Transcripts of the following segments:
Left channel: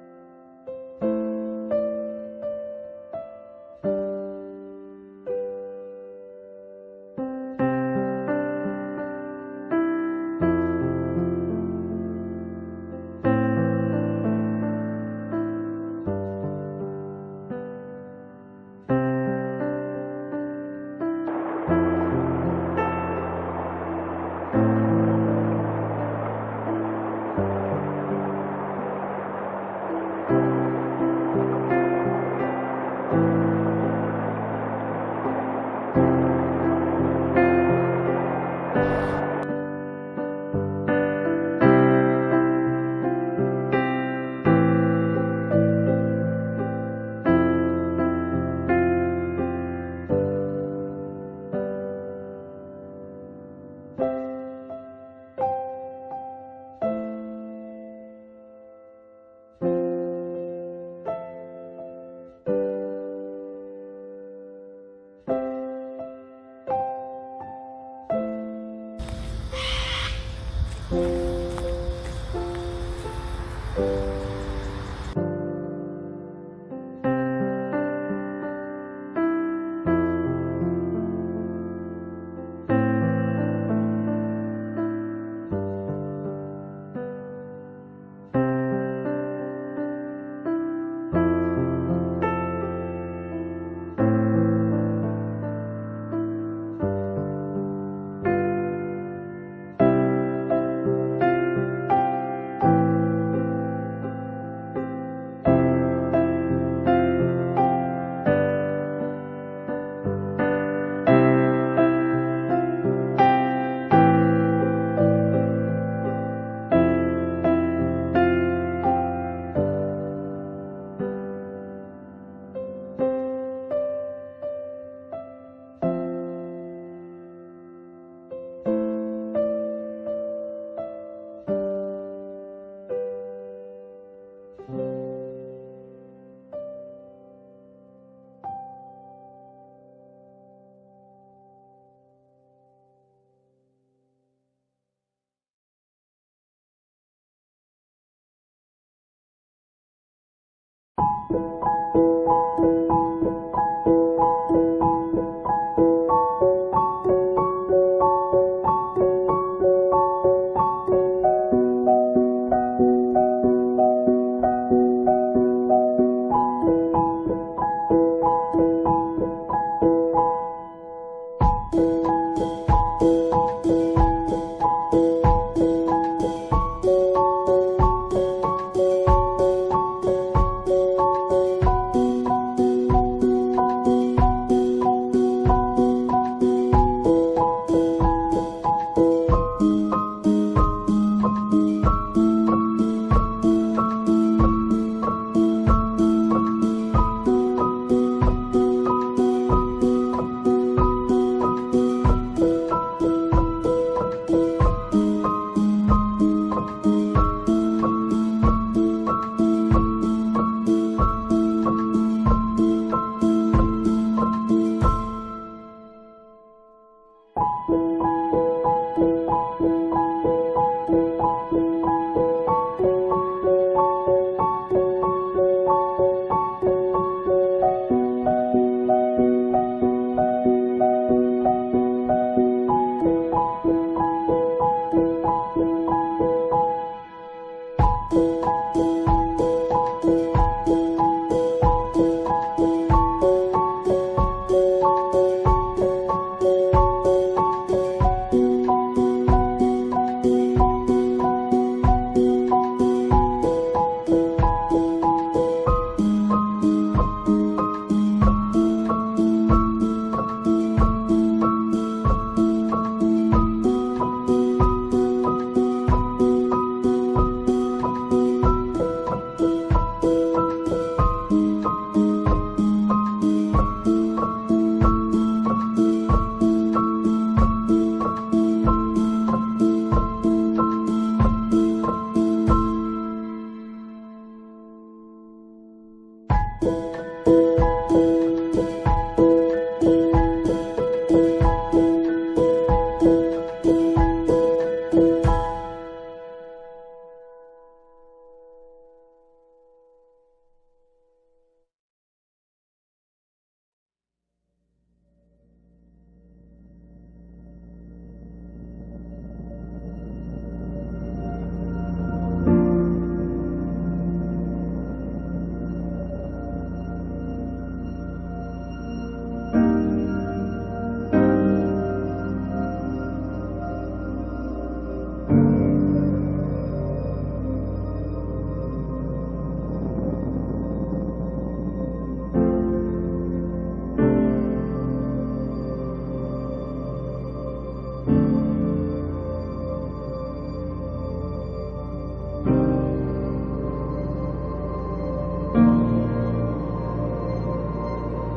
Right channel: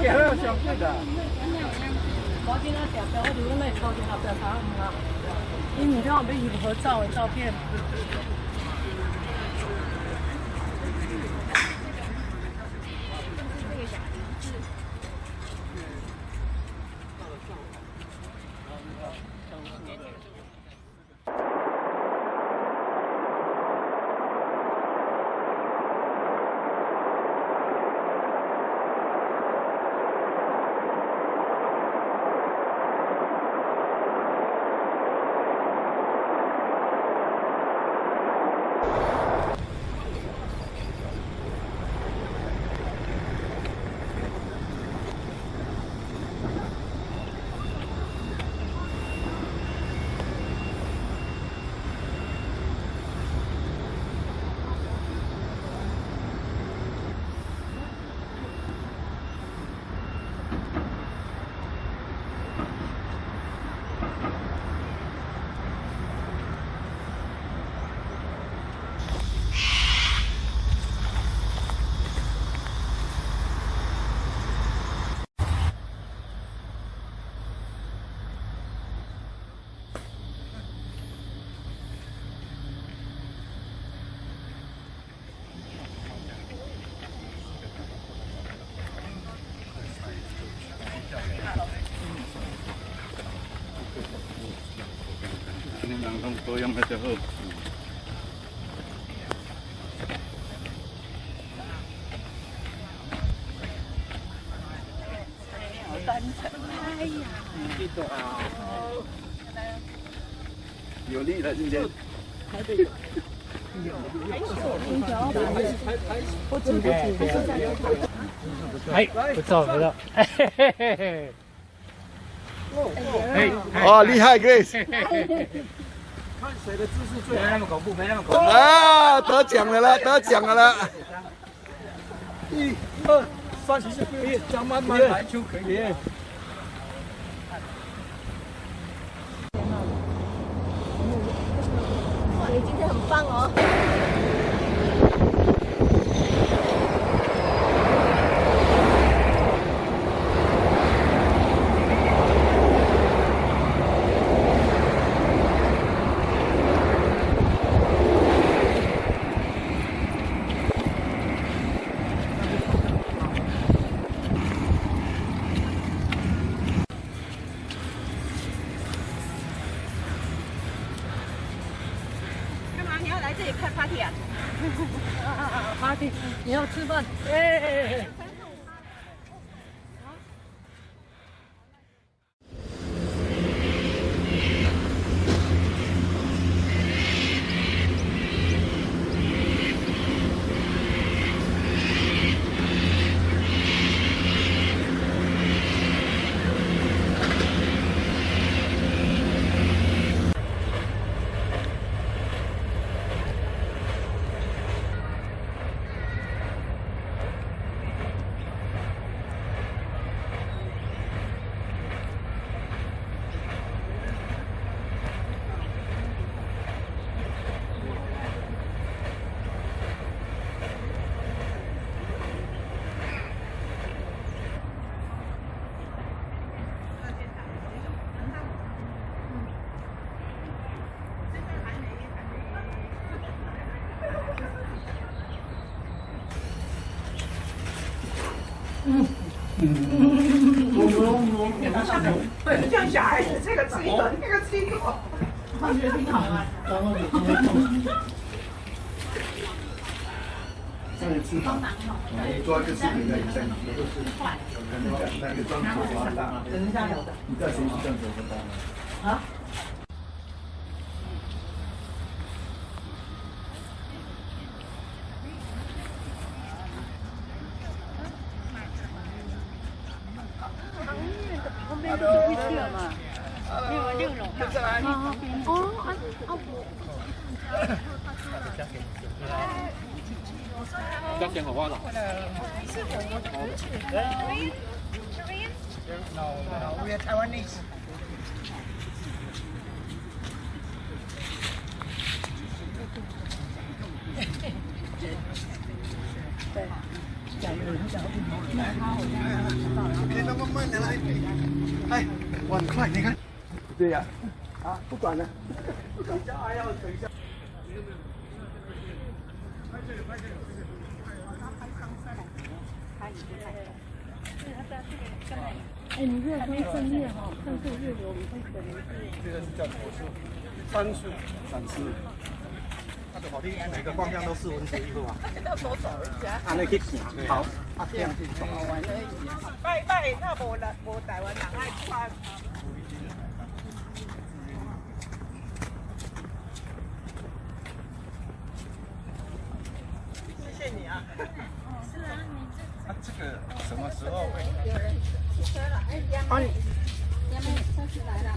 给了相信的。我今天点的，我就那超级好在啥啊？你明天我们一起合照的照片。哦，厉害 ，Grace！ 看谁的姿势最没那么恐怖，没那么恐怖。啊，得奖了啦，得奖了啦！ 1、2、3、4，这样慢慢来就可以。哇，你今天很棒哦！你要来这里看攀岩？阿弟，你要吃饭？慢慢的来。哎，我很快，你看。对呀、啊，不管了。等一下还要等一下。山水，旁边那个光亮都是一个嘛。啊，那个好，这样。拜他无人无台湾人爱拜。谢谢你啊。是啊。这个什么时候会？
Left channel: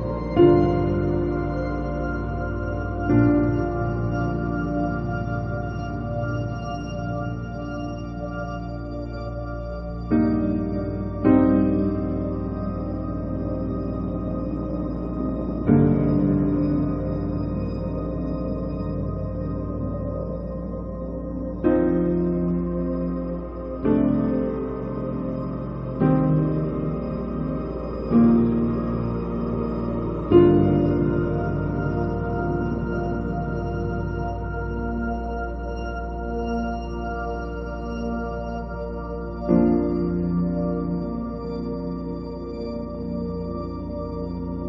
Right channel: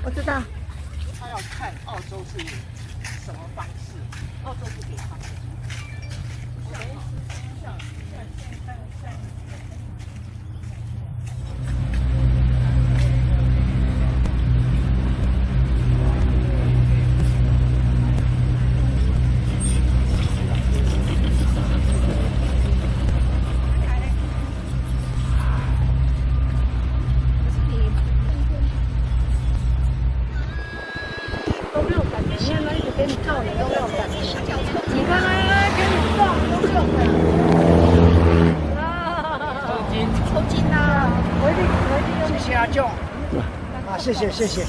我知道。谢谢阿舅，啊，谢谢谢谢。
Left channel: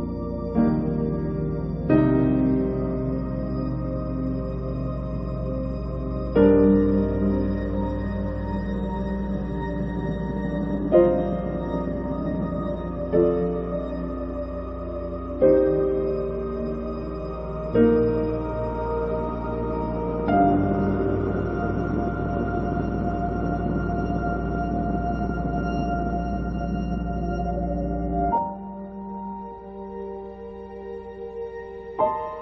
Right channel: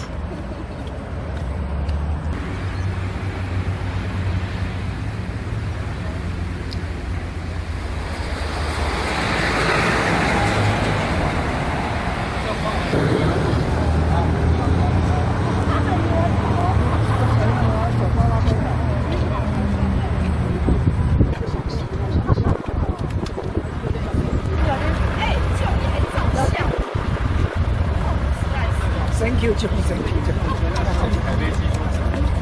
Thank you，就 Thank you，就。